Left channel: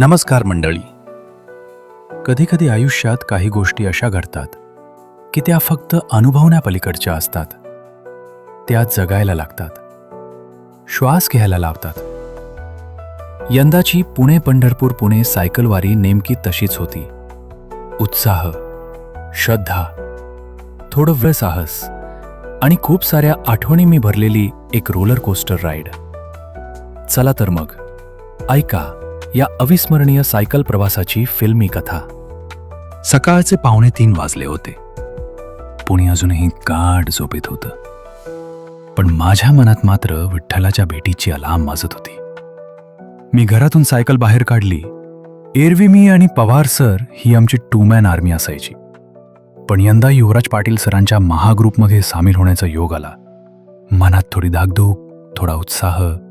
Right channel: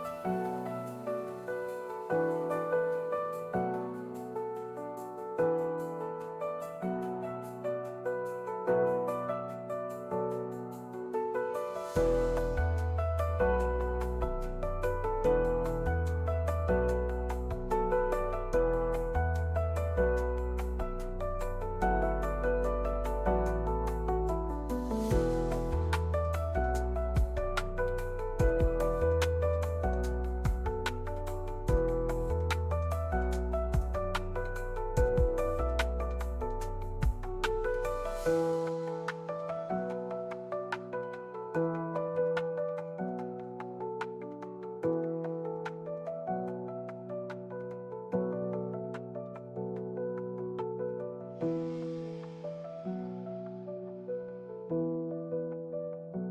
नमस्कार मंडळी. कधीकधी आयुष्यात काही गोष्टी अशा घडतात की त्या फक्त अनुभवण्यापलीकडच्या असतात. त्या जगायला लागतात. श्वास घ्यायला लावतात. यंदाची पुणे पंढरपूर पुणे सायकलवारी नेमकी तशीच होती. उत्साह श्रद्धा थोडं वेळ साहस आणि खूप साऱ्या आठवणी मी भरलेली एक रोलर कोस्टर राईड चला तर मग. ऐका. या अविस्मरणीय सायकल प्रवासाची फिल्मी कथा. सकाळचे पावणे तीन वाजले होते. पुणे अजूनही गाढ झोपेत होतं. पण माझ्या मनात मात्र विठ्ठलाच्या भेटीची अलाम वाजत होती. मी घरातून सायकल बाहेर काढली. एरवी मी आणि पवार सर ही आमची टू मॅन आर्मी असायची. पण यंदा युवराज पाटील सरांच्या महाग्रुपमध्ये सामील होण्याचा योग आला. मनात थोडी दागदूक थोडा उत्साह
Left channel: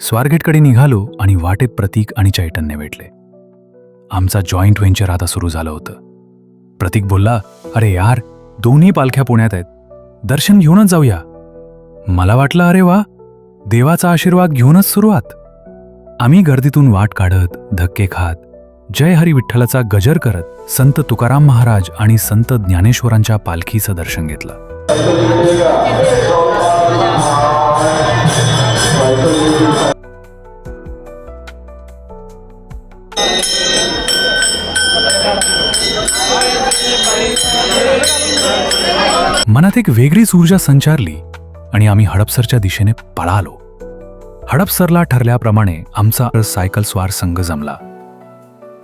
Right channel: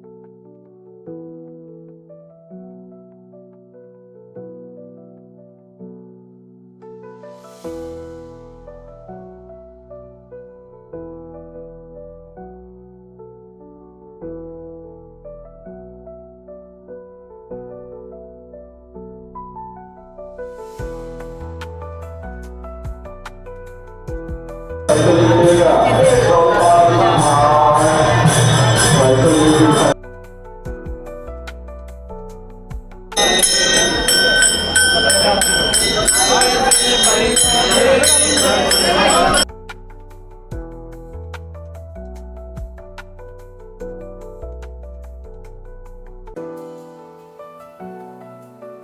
स्वारगेटकडे निघालो आणि वाटेत प्रतीक आणि चैतन्य भेटले. आमचा जॉईंट व्हेंचर आता सुरू झालं होतं. प्रतीक बोलला अरे यार दोन्ही पालख्या पुण्यात आहेत. दर्शन घेऊनच जाऊया. मला वाटलं अरे वा देवाचा आशीर्वाद घेऊनच सुरुवात. आम्ही गर्दीतून वाट काढत धक्के खात जय हरी विठ्ठलाचा गजर करत संत तुकाराम महाराज आणि संत ज्ञानेश्वरांच्या पालखीचं दर्शन घेतलं. एक वेगळीच ऊर्जा संचारली आणि आम्ही हडपसरच्या दिशेने पळालो. हडपसरला ठरल्याप्रमाणे आमचा सायकल स्वार संघ जमला.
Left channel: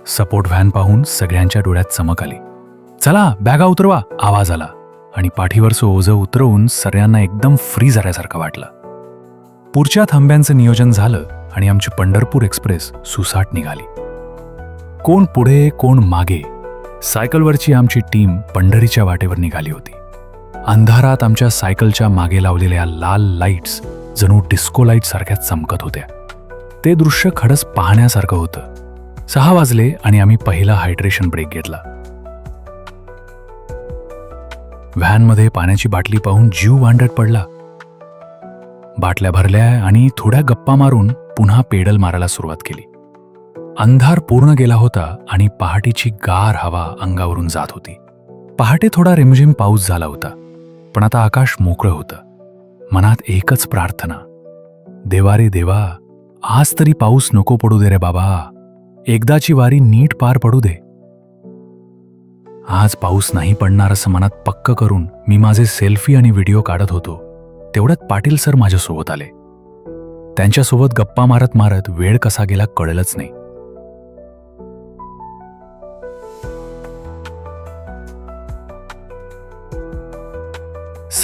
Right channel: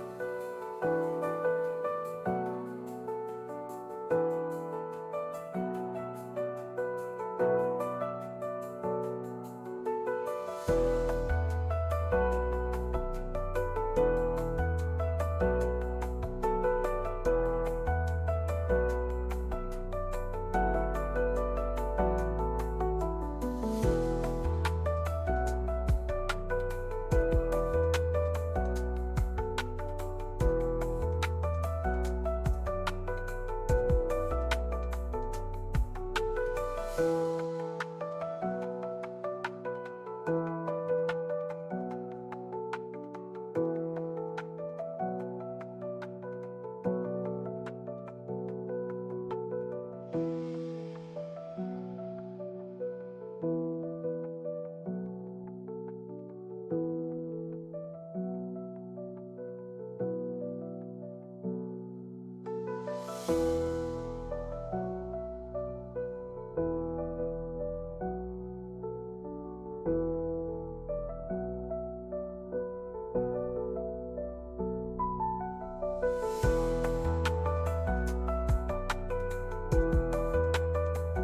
सपोर्ट व्हॅन पाहून सगळ्यांच्या डोळ्यात चमक आली. चला बॅगा उतरवा आवाज आला आणि पाठीवरचं ओझं उतरवून सगळ्यांना एकदम फ्री झाल्यासारखं वाटलं. पुढच्या थांब्यांचं नियोजन झालं आणि आमची पंढरपूर एक्सप्रेस सुसाट निघाली. कोण पुढे कोण मागे सायकलवरची आमची टीम पंढरीच्या वाटेवर निघाली होती. अंधारात आमच्या सायकलच्या मागे लावलेल्या लाल लाईट्स जणू डिस्को लाइट सारख्या चमकत होत्या. ते दृश्य खडस पाहण्यासारखं होतं. सहा वाजले आणि आम्ही पहिला हायड्रेशन ब्रेक घेतला. व्हॅनमध्ये पाण्याची बाटली पाहून जीव वांडत पडला. बाटल्या भरल्या आणि थोड्या गप्पा मारून पुन्हा पेडल मारायला सुरुवात केली. अंधार पूर्ण गेला होता आणि पहाटेची गार हवा अंगावरून जात होती. पहाटे थोडा रिमझिम पाऊस झाला होता. पण आता आकाश मोकळं होतं. मनात एकच प्रार्थना. देवा रे देवा आज तरी पाऊस नको पडू दे रे बाबा. एकदाची वारी नीट पार पडू दे. आज पाऊस नाही पडणार असं मनात पक्क करून मी माझे सेल्फी आणि व्हिडिओ काढत होतो. तेवढ्यात पाटील सर माझ्यासोबत आले. त्यांच्यासोबत गप्पा मारत मारत वेळ कसा गेला कळलंच नाही.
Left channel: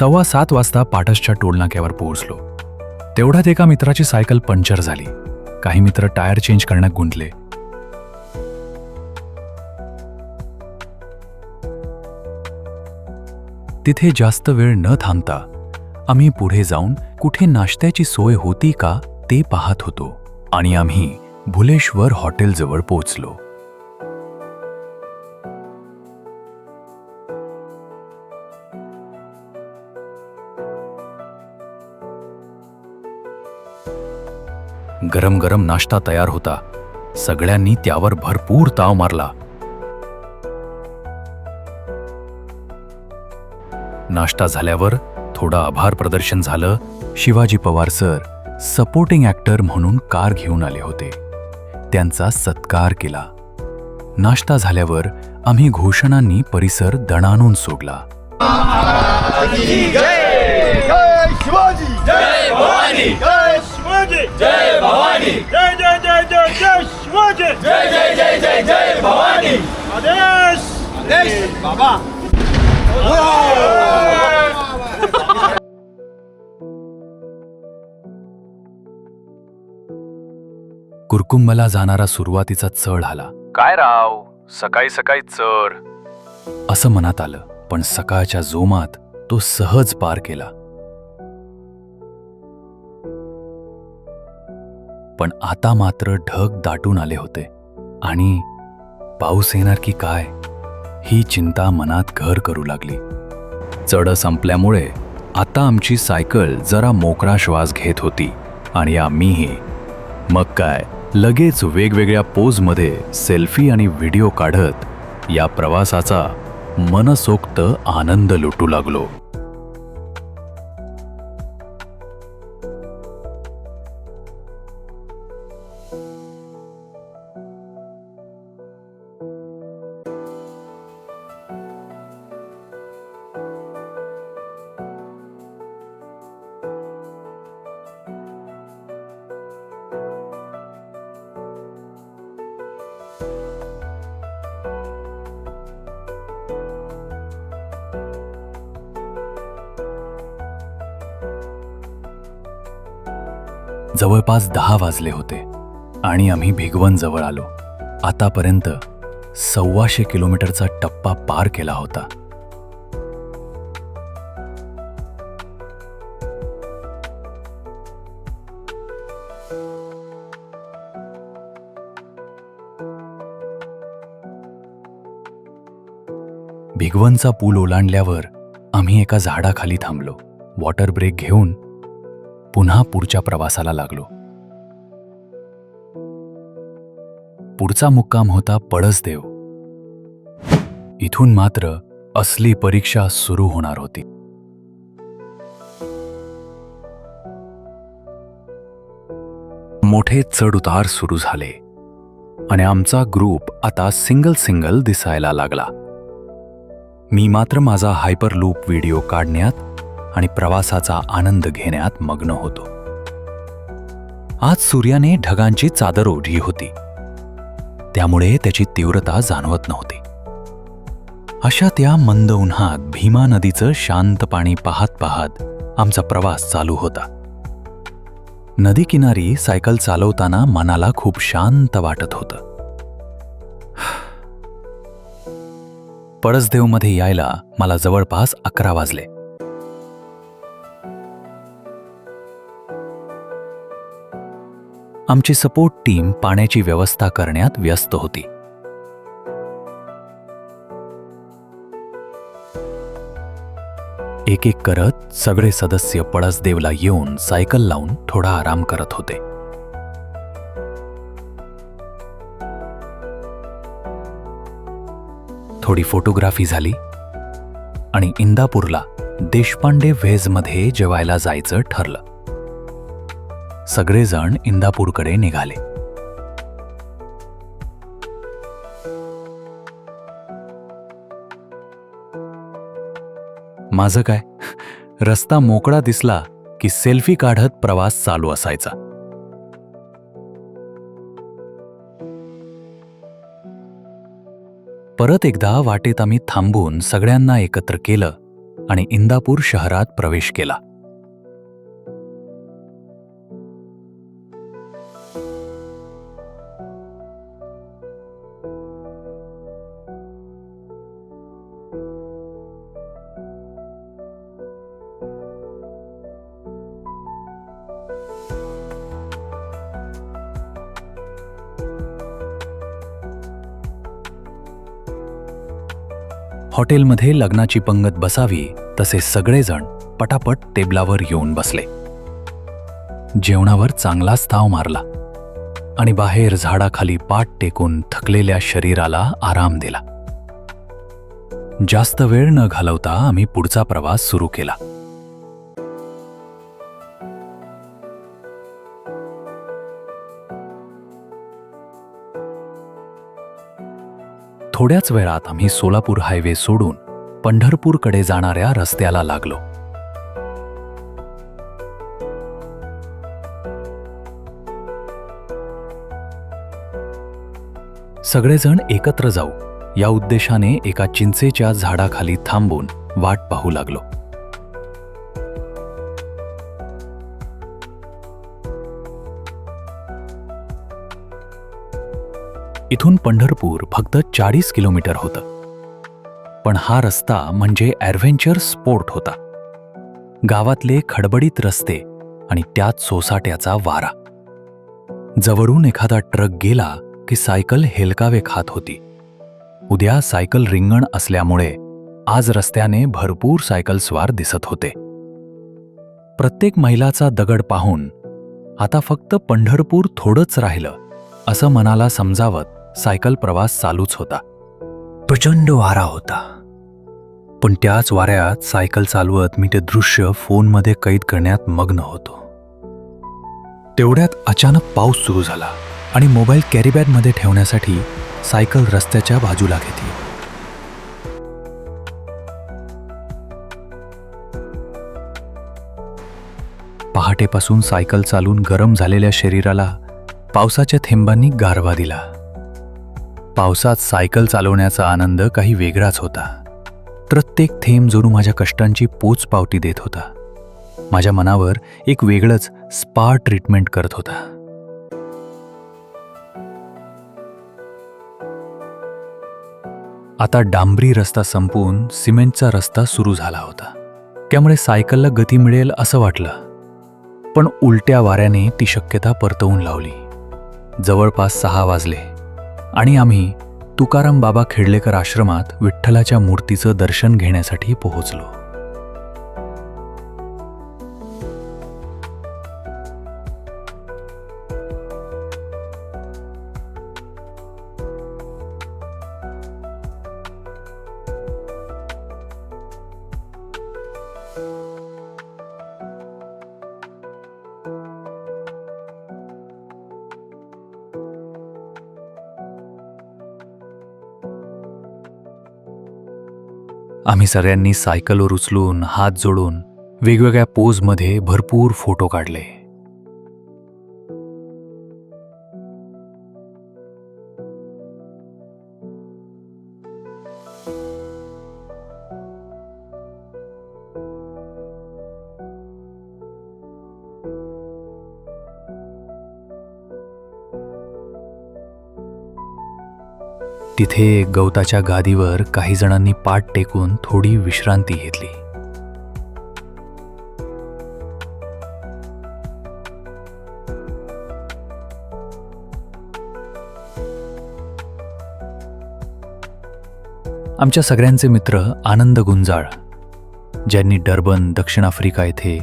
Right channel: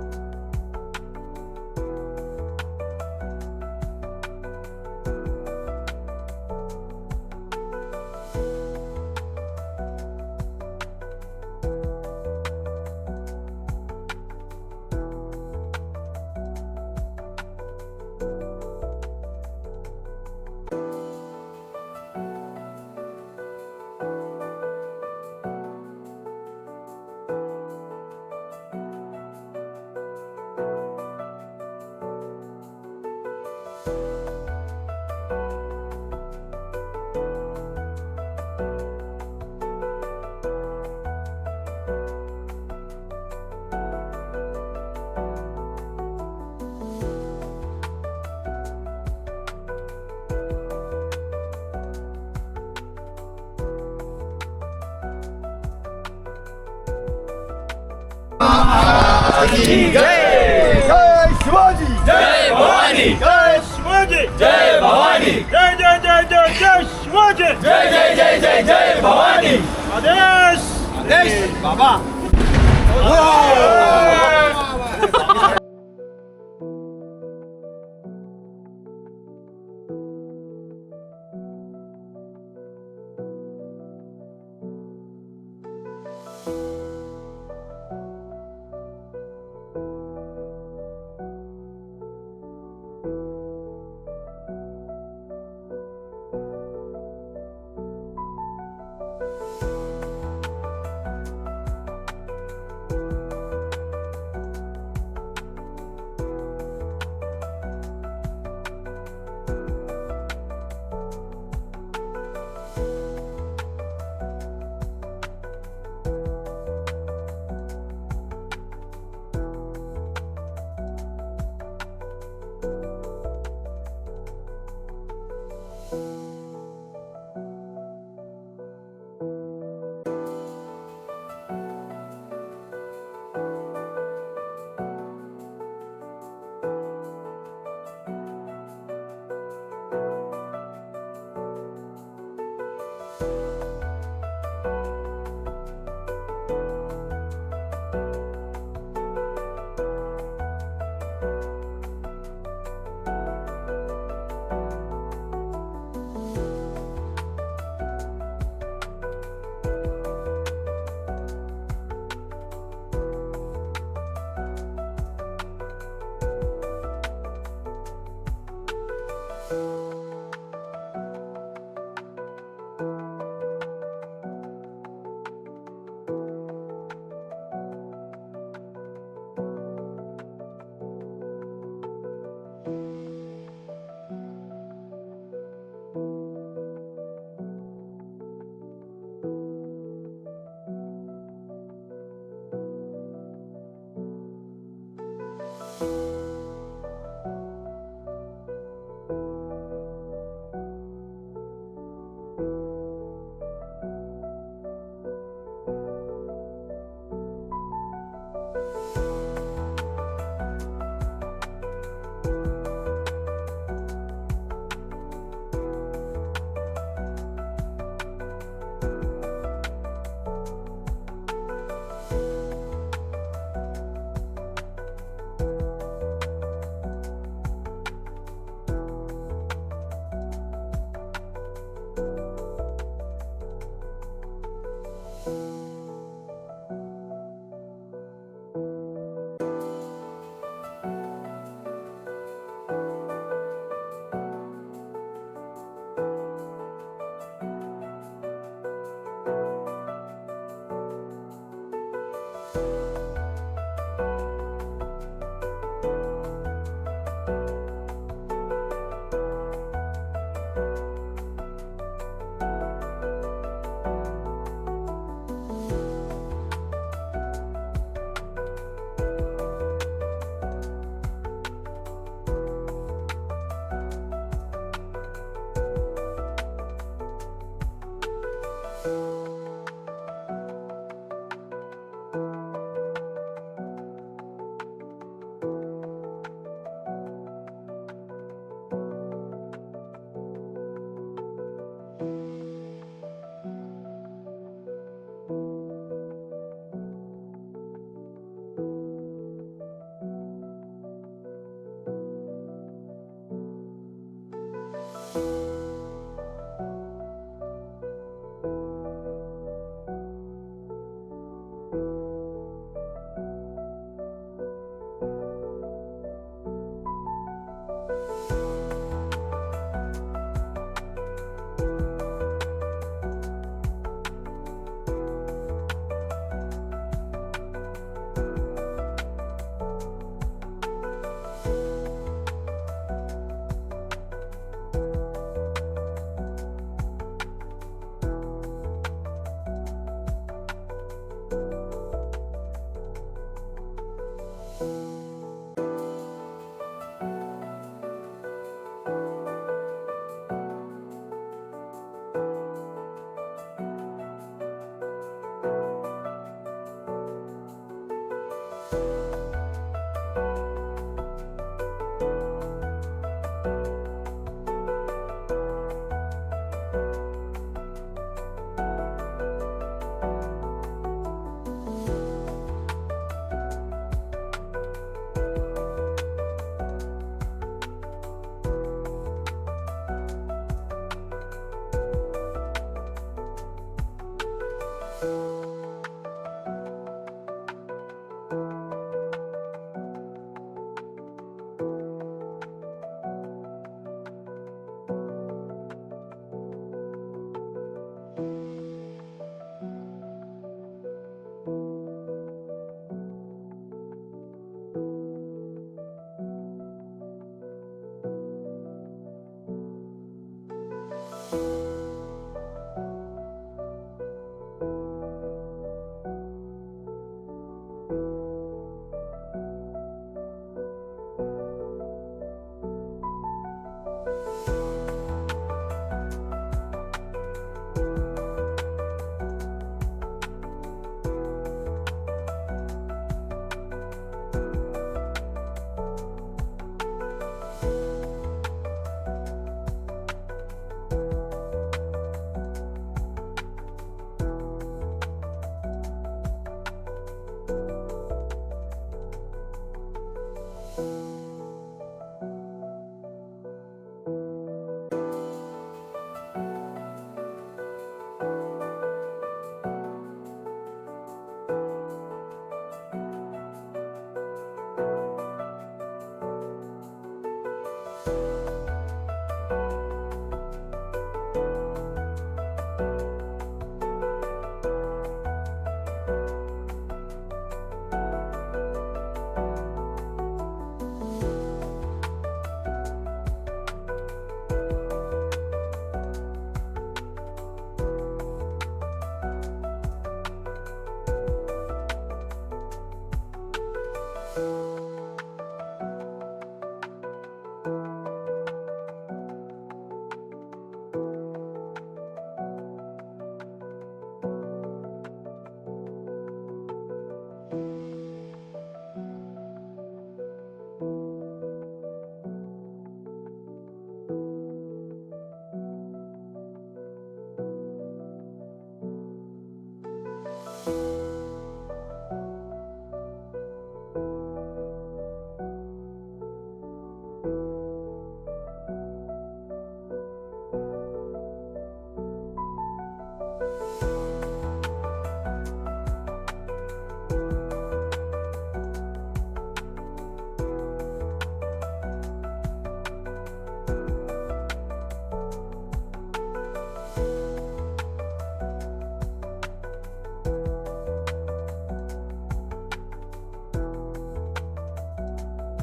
सव्वा सात वाजता पाटसच्या टोलनाक्यावर पोहोचलो. तेवढ्यात एका मित्राची सायकल पंक्चर झाली. काही मित्र टायर चेंज करण्यात गुंतले. तिथे जास्त वेळ न थांबता आम्ही पुढे जाऊन कुठे नाश्त्याची सोय होती का ते पाहत होतो आणि आम्ही भुलेश्वर हॉटेलजवळ पोहोचलो. गरम गरम नाश्ता तयार होता. सगळ्यांनी त्यावर भरपूर ताव मारला. नाश्ता झाल्यावर थोडं आभार प्रदर्शन झालं. Shivaji Pawar sir supporting actor म्हणून कार घेऊन आले होते. त्यांचा सत्कार केला. नाश्ता झाल्यावर आम्ही घोषणांनी परिसर दणानून सोडला. जय शिवाजी. जय भवानी. जय शिवाजी! जय भवानी! जय जय जय जय जय शिवाजी! जय जय जय जय जय भवानी! आदेश! आदेश! बाबा! कुरकुंबला जाणारा सुरुवातीचा चढ आला. काय राव? सकाळी सकाळी चर असं मनात आलं पण सकाळच्या जोमात तो सहज पार केला. पण आता मात्र ढग दाटून आले होते. आणि पाऊस येणार की काय? ही चिंता मनात घर करू लागली. चढ संपल्यामुळे आता आमची सायकल जरा मोकळा श्वास घेत होती आणि आम्हीही. मग काय? लगेच वेगवेगळ्या पोजमध्ये सेल्फी आणि व्हिडिओ काढत या प्रवासाचा मनसोक्त आनंद लुटू लागलो. जवळपास दहा वाजले होते आणि आम्ही भिगवण जवळ आलो. आतापर्यंत सव्वाशे किलोमीटरचा टप्पा पार केला होता. भिगवणचा पूल ओलांडल्यावर आम्ही एका झाडाखाली थांबलो. वॉटर ब्रेक घेऊन पुन्हा पुढच्या प्रवासाला लागलो. पुढचा मुक्काम होता पळसदेव. इथून मात्र असली परीक्षा सुरू होणार होती. मोठे चढउतार सुरू झाले आणि आमचा ग्रुप आता सिंगल सिंगल दिसायला लागला. मी मात्र माझा हायपर लूप व्हिडिओ काढण्यात आणि प्रवासाचा आनंद घेण्यात मग्न होतो. आज सूर्याने ढगांची चादर ओढली होती. त्यामुळे त्याची तीव्रता जाणवत नव्हती. अशा त्या मंद उन्हात भीमा नदीचं शांत पाणी पाहत पाहत आमचा प्रवास चालू होता. नदी किनारी सायकल चालवताना मनाला खूप शांत वाटत होतं. पळसदेवमध्ये यायला मला जवळपास अकरा वाजले. आमची सपोर्ट टीम पाण्याची व्यवस्था करण्यात व्यस्त होती. एक एक करत सगळे सदस्य पळसदेवला येऊन सायकल लावून थोडा आराम करत होते. थोडी फोटोग्राफी झाली आणि इंदापूरला देशपांडे व्हेजमध्ये जेवायला जायचं ठरलं. सगळेजण इंदापूरकडे निघाले. माझं काय? रस्ता मोकळा दिसला की सेल्फी काढत प्रवास चालू असायचा. परत एकदा वाटेत आम्ही थांबून सगळ्यांना एकत्र केलं आणि इंदापूर शहरात प्रवेश केला. हॉटेलमध्ये लग्नाची पंगत बसावी तसे सगळेजण पटापट टेबलावर येऊन बसले. जेवणावर चांगलाच ताव मारला आणि बाहेर झाडाखाली पाठ टेकून थकलेल्या शरीराला आराम दिला. जास्त वेळ न घालवता आम्ही पुढचा प्रवास सुरू केला. थोड्याच वेळात आम्ही सोलापूर हायवे सोडून पंढरपूरकडे जाणाऱ्या रस्त्याला लागलो. सगळेजण एकत्र जाऊ या उद्देशाने एका चिंचेच्या झाडाखाली थांबून वाट पाहू लागलो. इथून पंढरपूर फक्त चाळीस किलोमीटर होतं. पण हा रस्ता म्हणजे ॲडव्हेंचर स्पोर्ट होता. गावातले खडबडीत रस्ते आणि त्यात सोसाट्याचा वारा. जवळून एखादा ट्रक गेला की सायकल हेलकावे खात होती. उद्या सायकल रिंगण असल्यामुळे आज रस्त्याने भरपूर सायकलस्वार दिसत होते. प्रत्येक महिलाचा दगड पाहून आता फक्त पंढरपूर थोडंच राहिलं असं मनाला समजावत सायकल प्रवास चालूच होता. प्रचंड वारा होता. पण त्याच वाऱ्यात सायकल चालवत मी ते दृश्य फोनमध्ये कैद करण्यात मग्न होतो. तेवढ्यात अचानक पाऊस सुरू झाला आणि मोबाईल कॅरीबॅगमध्ये ठेवण्यासाठी सायकल रस्त्याच्या बाजूला घेतली. पहाटेपासून सायकल चालून गरम झालेल्या शरीराला पावसाच्या थेंबांनी गारवा दिला. पावसात सायकल चालवण्याचा आनंद काही वेगळाच होता. प्रत्येक थेंब जणू माझ्या कष्टांची पोचपावती देत होता. माझ्या मनावर एक वेगळंच स्पा ट्रीटमेंट करत होता. आता डांबरी रस्ता संपून सिमेंटचा रस्ता सुरू झाला होता. त्यामुळे सायकलला गती मिळेल असं वाटलं. पण उलट्या वाऱ्याने ती शक्यता परतवून लावली. जवळपास सहा वाजले. आणि आम्ही तुकाराम बाबा खेडलेकर आश्रमात विठ्ठलाच्या मूर्तीचं दर्शन घेण्यासाठी पोहोचलो. आम्ही सगळ्यांनी सायकलवर उचलून हात जोडून वेगवेगळ्या पोजमध्ये भरपूर फोटो काढले. तिथे गवताच्या गादीवर काही जणांनी पाठ टेकून थोडी विश्रांती घेतली. आमच्या सगळ्यांचे मित्र आनंद गुंजाळ ज्यांनी डर्बन दक्षिण आफ्रिका येथे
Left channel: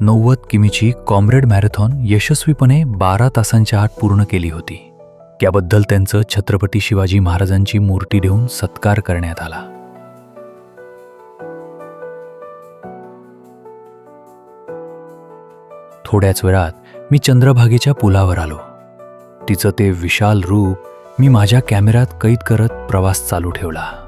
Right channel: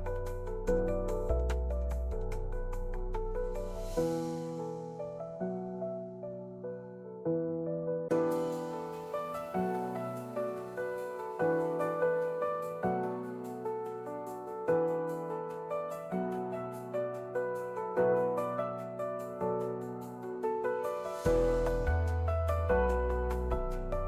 नव्वद किमीची कॉम्रेड मॅरेथॉन यशस्वीपणे बारा तासांच्या आत पूर्ण केली होती. त्याबद्दल त्यांचं छत्रपती शिवाजी महाराजांची मूर्ती देऊन सत्कार करण्यात आला. थोड्याच वेळात मी चंद्रभागेच्या पुलावर आलो. तिचं ते विशाल रूप मी माझ्या कॅमेऱ्यात कैद करत प्रवास चालू ठेवला.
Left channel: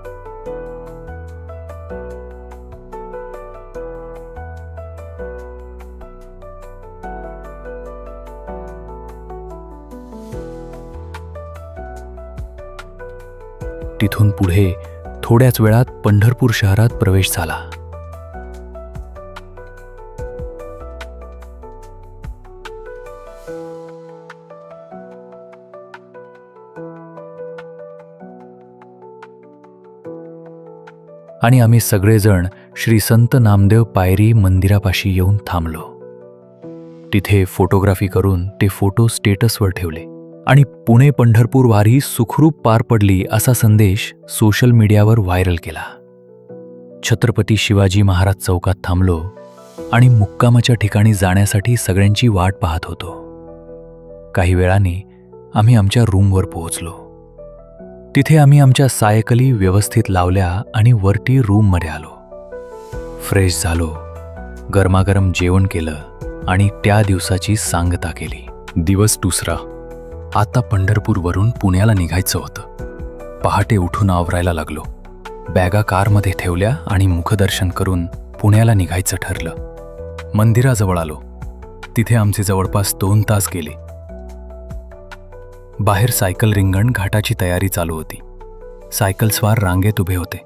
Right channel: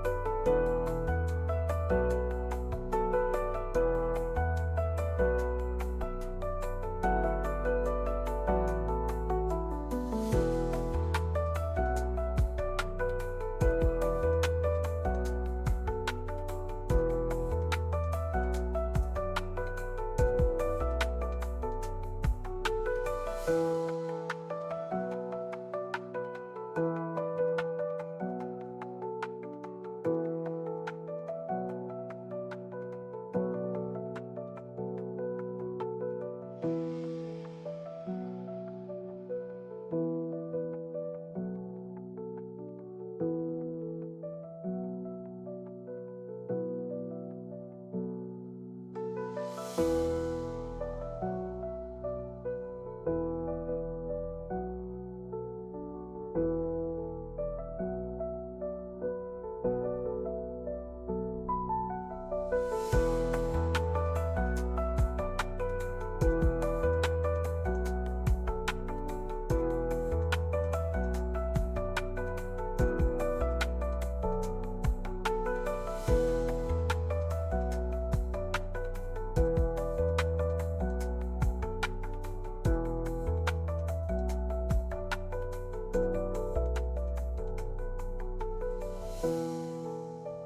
थोड्याच वेळात पंढरपूर शहरात प्रवेश झाला. आणि आम्ही सगळेजण श्री संत नामदेव पायरी मंदिरापाशी येऊन थांबलो. तिथे फोटोग्राफी करून ते फोटो स्टेटसवर ठेवले. आणि पुणे पंढरपूर वारी सुखरूप पार पडली असा संदेश सोशल मीडियावर व्हायरल केला. छत्रपती शिवाजी महाराज चौकात थांबलो आणि मुक्कामाच्या ठिकाणी जाण्यासाठी सगळ्यांची वाट पाहत होतो. काही वेळाने आम्ही आमच्या रूमवर पोहोचलो. तिथे आम्ही आमच्या सायकली व्यवस्थित लावल्या आणि वरती रूममध्ये आलो. फ्रेश झालो गरमागरम जेवण केलं आणि त्या दिवसाची सांगता केली. दिवस दुसरा. आता पंढरपूरवरून पुण्याला निघायचं होतं. पहाटे उठून आवरायला लागलो. बॅगा कारमध्ये ठेवल्या आणि मुखदर्शन करून पुण्याला निघायचं ठरलं. मंदिराजवळ आलो. तिथे आमचे जवळपास दोन तास गेले. बाहेर सायकल रिंगण घाटाची तयारी चालू होती. सायकलस्वार रांगेत उभे होते.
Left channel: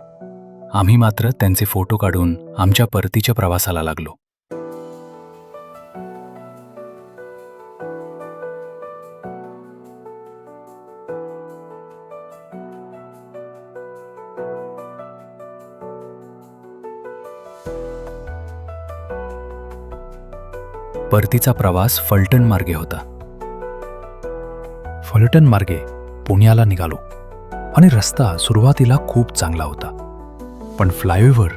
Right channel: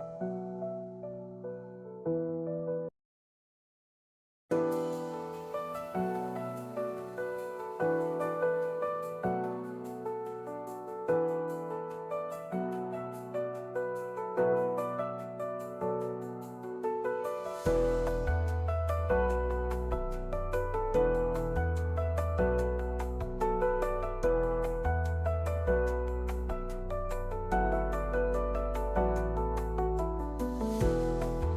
आम्ही मात्र त्यांचे फोटो काढून आमच्या परतीच्या प्रवासाला लागलो. परतीचा प्रवास फलटण मार्गे होता. फलटण मार्गे पुण्याला निघालो आणि रस्ता सुरुवातीला खूप चांगला होता. पण फ्लायओव्हर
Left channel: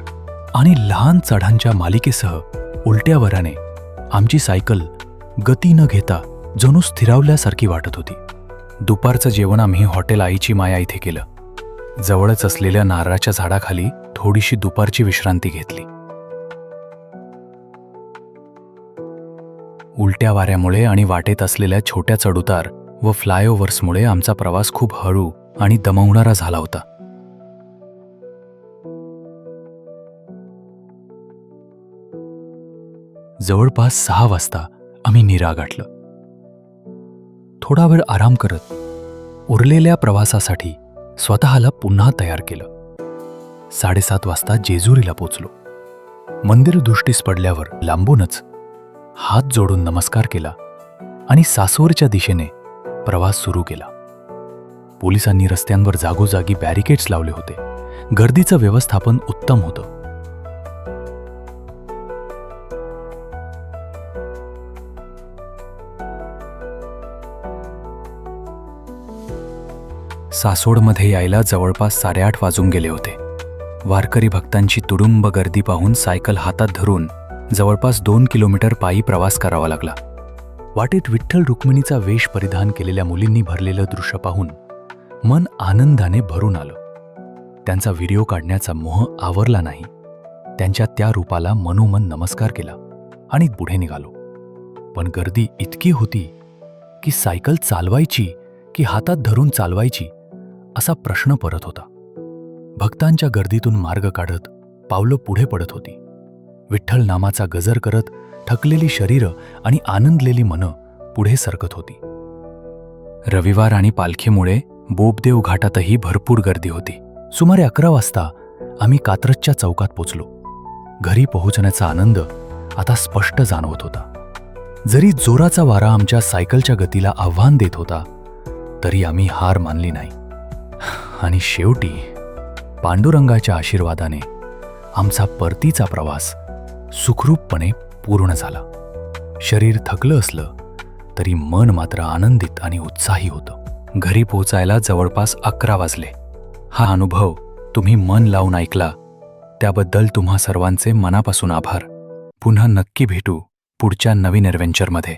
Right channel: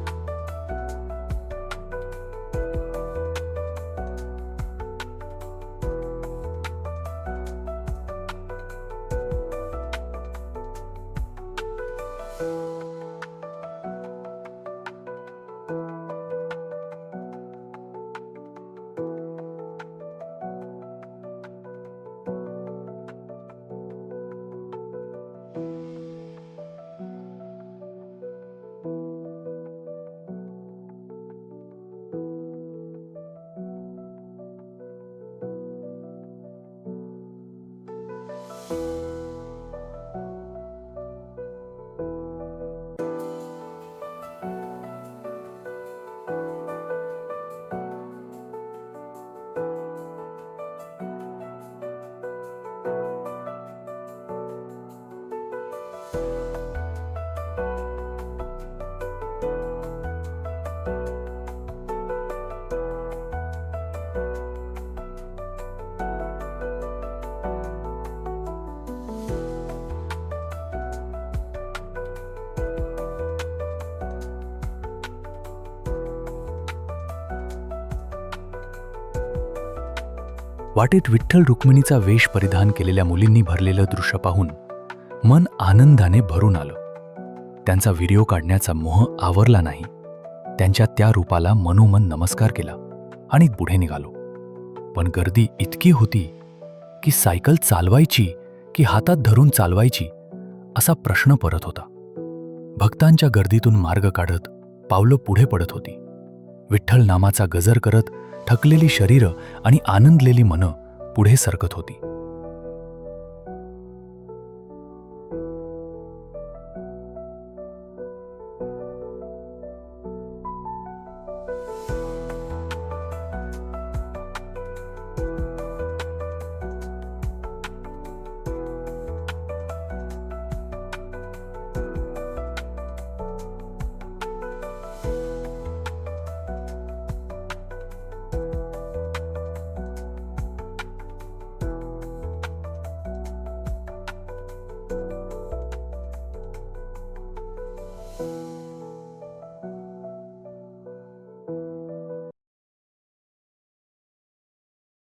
आणि लहान चढांच्या मालिकेसह उलट्या वराने आमची सायकल गती न घेता जणू स्थिरावल्यासारखी वाटत होती. दुपारचं जेवण आम्ही हॉटेल आईची माया इथे केलं. जवळच असलेल्या नारळाच्या झाडाखाली थोडीशी दुपारची विश्रांती घेतली. उलट्या वाऱ्यामुळे आणि वाटेत असलेल्या छोट्या चढउतार व फ्लायओव्हर्समुळे आमचा प्रवास खूप हळू आणि दमवणारा झाला होता. जवळपास सहा वाजता आम्ही निरा गाठलं. थोडा वेळ आराम करत उरलेल्या प्रवासासाठी स्वतःला पुन्हा तयार केलं. साडेसात वाजता जेजुरीला पोचलो. मंदिर दृष्टीस पडल्यावर लांबूनच हात जोडून नमस्कार केला आणि सासवरच्या दिशेने प्रवास सुरू केला. पोलिसांनी रस्त्यांवर जागोजागी बॅरिकेड्स लावले होते. गर्दीचं व्यवस्थापन उत्तम होतं. सासोडमध्ये यायला जवळपास साडेआठ वाजून गेले होते. वारकरी भक्तांची तुडुंब गर्दी पाहून सायकल हातात धरून जवळपास दोन किलोमीटर पायी प्रवास करावा लागला. वाटेत विठ्ठल रुक्मिणीचा वेश परिधान केलेल्या मुलींनी भरलेलं दृश्य पाहून मन आनंदाने भरून आलं. त्यांचा व्हिडिओ काढण्याचा मोह आवरला नाही. त्यांच्या त्या रूपाला मनोमन नमस्कार केला आणि पुढे निघालो. पण गर्दी इतकी होती की सायकल चालवायची की हातात धरून चालवायची असा प्रश्न परत होता. भक्तांच्या गर्दीतून मार्ग काढत पावलं पुढे पडत होती. विठ्ठल नामाचा गजर करत थकलेली शरीरं आणि आनंदलेली मनं पुढे सरकत होती. रविवार आणि पालखीमुळे बोबदेव घाटातही भरपूर गर्दी होती. सुमारे अकरा वाजता आम्ही कात्रजच्या चौकात पोचलो. घरी पोहोचण्याचा आनंद आता स्पष्ट जाणवत होता. जरी जोराचा वारा आमच्या सायकलच्या गतीला आव्हान देत होता तरी आम्ही हार मानली नाही. आणि शेवटी पांडुरंगाच्या आशीर्वादाने आमचा परतीचा प्रवास सुखरूपपणे पूर्ण झाला. शरीर थकलं असलं तरी मन मात्र आनंदित आणि उत्साही होतं. घरी पोचायला जवळपास अकरा वाजले. हा अनुभव तुम्ही मन लावून ऐकला. त्याबद्दल तुम्हा सर्वांचे मनापासून आभार. पुन्हा नक्की भेटू पुढच्या नवीन ॲडव्हेंचरमध्ये